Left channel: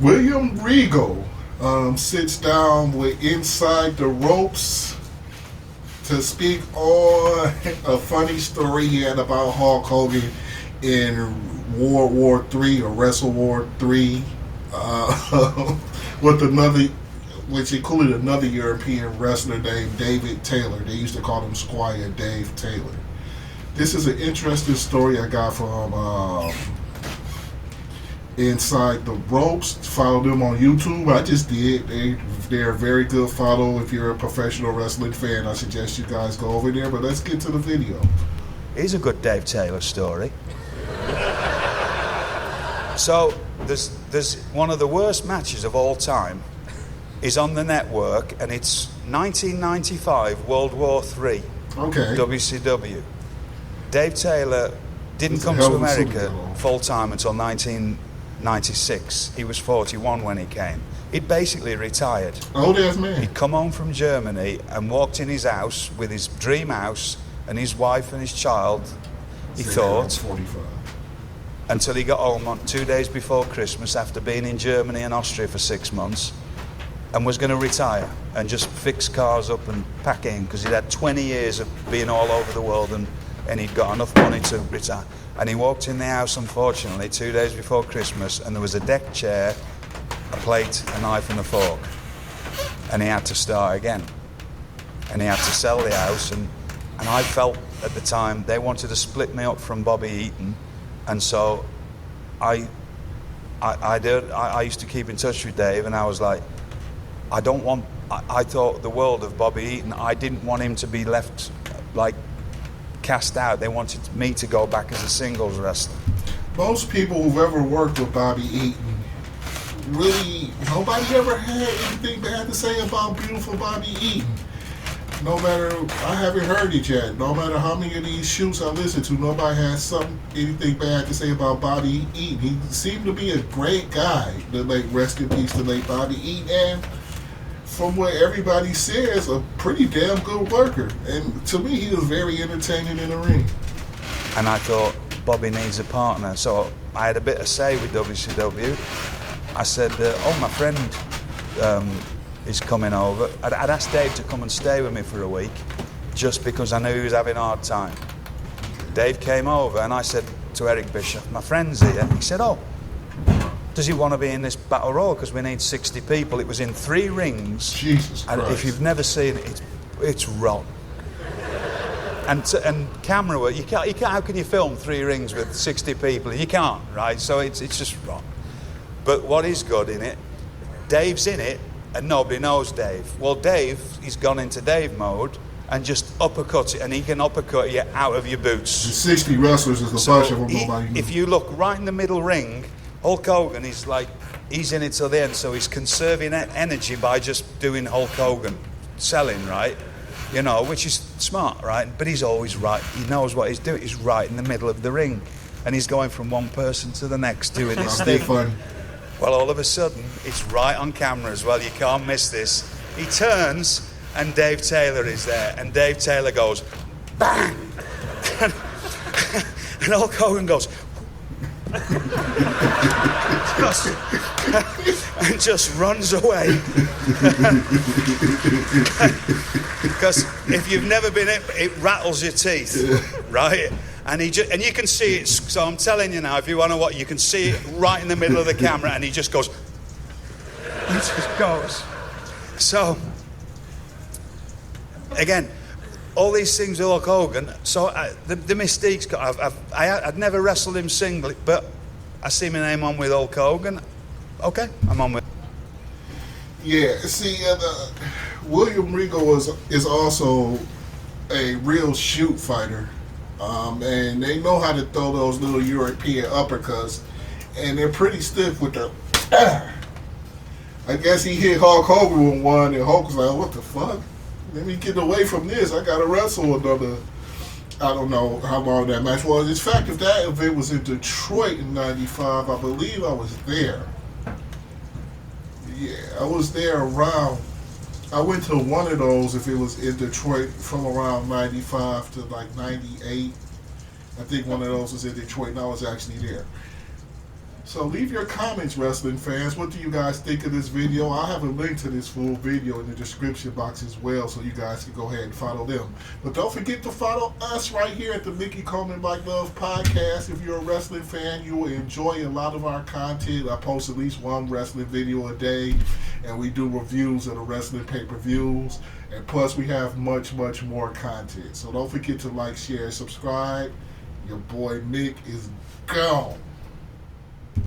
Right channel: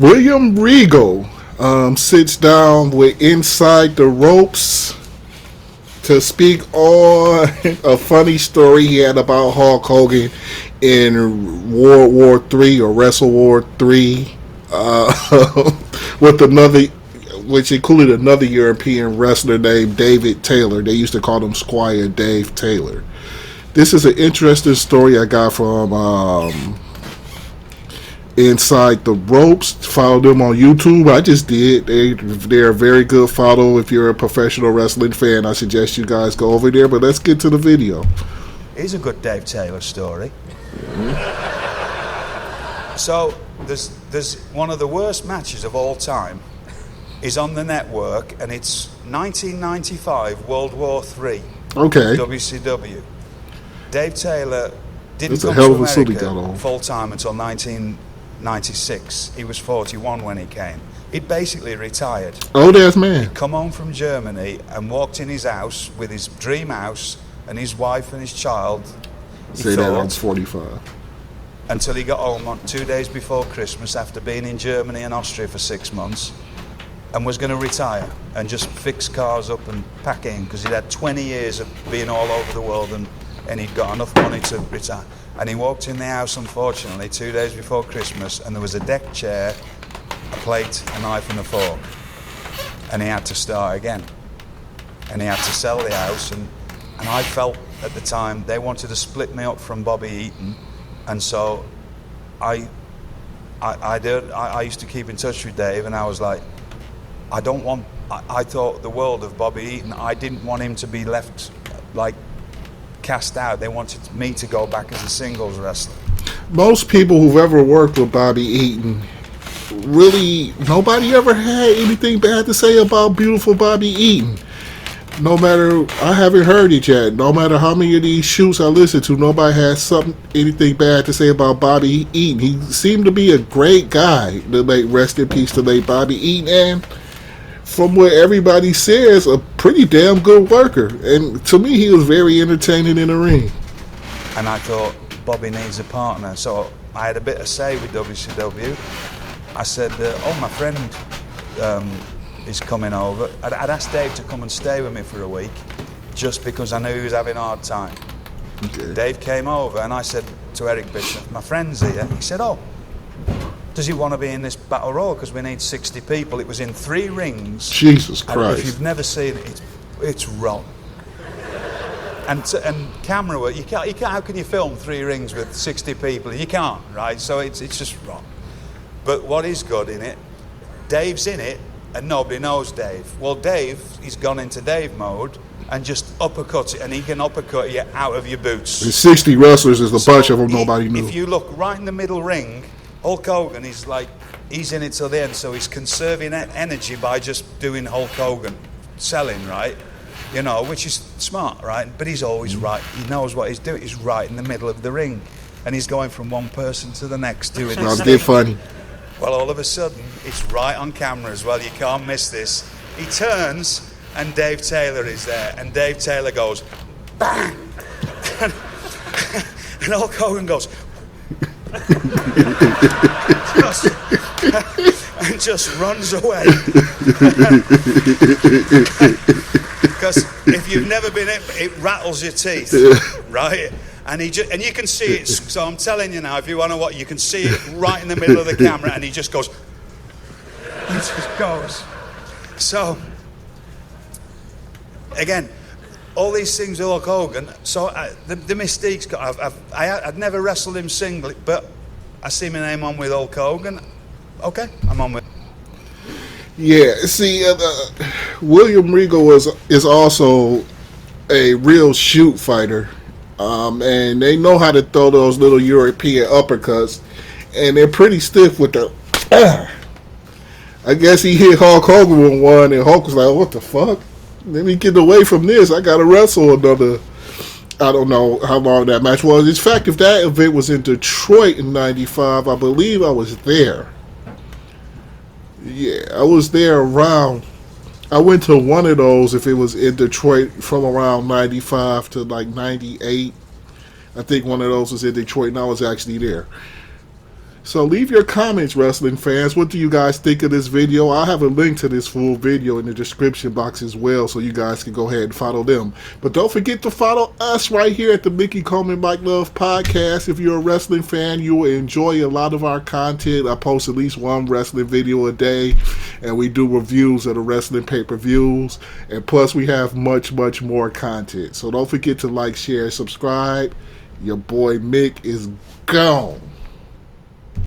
William Regal sits down with Inside the Ropes to speak on a funny story he had about Hulk Hogan in World War III or Wrestle War III, with another, which included another European wrestler named David Taylor. They used to call him Squire Dave Taylor. This is an interesting story I got from Inside the Ropes. Follow them on YouTube. I just did. They're a very good follow. If you're a professional wrestling fan, I suggest you guys go over there. But let's get to the video. Here's a good Dave Taylor story. So there's one of the worst matches of all time is on the network, and it's 1995 World War III. Okay. WCW. Dave Taylor didn't come to America full time until 1996. He was 41 when he came. He'd basically retired. Oh, that's man. He'd come home from Germany and walked in his house with his dream house and his wife and his child. He thought 45. Until he got home on 2 days before Christmas after being in Germany and Austria for 6 months, and was going to retire and just fix cars up and pack in, because he'd had 20 years of being all over the world and he'd got enough money to retire. And he walked in the house, unfortunately, 2 days before Christmas, and there was a deck chair, a plate, a knife and a fork. And he had to start again. And he had to sell the house, and I felt at the time they wanted to split me up from Bobby Eaton, and so I used to keep in touch with Dave, and I was like, I thought the world of Bobby Eaton. I didn't want him to be left like cast out. They wanted me to go back as a singles wrestler. Most people who've ever worked with Bobby Eaton, really, nobody ever had anything bad to say about beautiful Bobby Eaton. No matter, I haven't heard it yet. No matter how many of these shoots I listen to, nobody has anything bad to say about Bobby Eaton. He seemed to be a great guy. The late, rest in peace, the late Bobby Eaton, and from what everybody says, a pretty damn good worker. And to me, he was very entertaining in the ring. And I thought, Bobby needs a partner. So I had a bit of say with WCW. I said, my friend is coming over. I'd asked Dave to come and stay with me for a week, just because I knew he was having a hard time. Okay. Dave came over, and I said to Eric Bishop, my friend's here. He said, does he want to be in this battle royal? Because we need 60 people. It was in 3 rings. Jesus Christ. And if you've never seen it, it's rotten. And camera work, you can't, how can you film 3 rings with 60 people? You can't, right? So it's just rotten. But what is good in it, Dave's in it, and nobody knows Dave. Well, Dave, he's gone into Dave mode and just uppercuts it, and he can uppercut you out of your boots. And 60 wrestlers is the bunch of them nobody knew. If you look right in the middle ring, Hulk Hogan is he's in it till the end, so he's conserving energy by just doing Hulk Hogan, selling, right? You know, which is smart, right? But he's always right. He knows what he's doing. He's right in the middle of the ring, and he's going from one person to the next doing his thing. Funny. Well, all of a sudden, it's right on camera as well. You can't miss this. He turns, and Dave Taylor is there, and Dave Taylor goes, bang! And Hulk Hogan goes, and just runs away. Because if you've never been it rattles your teeth, right? And you can see it. So I'm telling you now, if you want to watch, you can see it right in the middle of the camera, and he just goes. He just goes. So again, all these things with Hulk Hogan. So the mystique's got. I'd never wrestled him singly, but I see my name on with Hulk Hogan. Okay, I'm on with. Yeah, see, William Regal is also a real shoot fighter, and they know how to throw those little European uppercuts, and they're pretty stiff with the. I guess he hit Hulk Hogan with one, and Hulk was like, "What the fuck? Let me get away from this. I gotta wrestle another." I don't know how long that match was. In fact, if that event was in Detroit in '95, I believe I was there. Yeah, I was there around. I went to one of those if it was in Detroit from around 95 to like 98. I think one of those was in Detroit, and I was actually there. So leave your comments, wrestling fans. What do you guys think of this video? I'll have a link to this full video in the description box as well, so you guys can go ahead and follow them. But don't forget to follow us right here at the Mickey Coleman Mike Love Podcast. If you're a wrestling fan, you will enjoy a lot of our content. I post at least one wrestling video a day, and we do reviews of the wrestling pay-per-views. And plus, we have much, much more content. So don't forget to like, share, and subscribe. Your boy Mick is gone.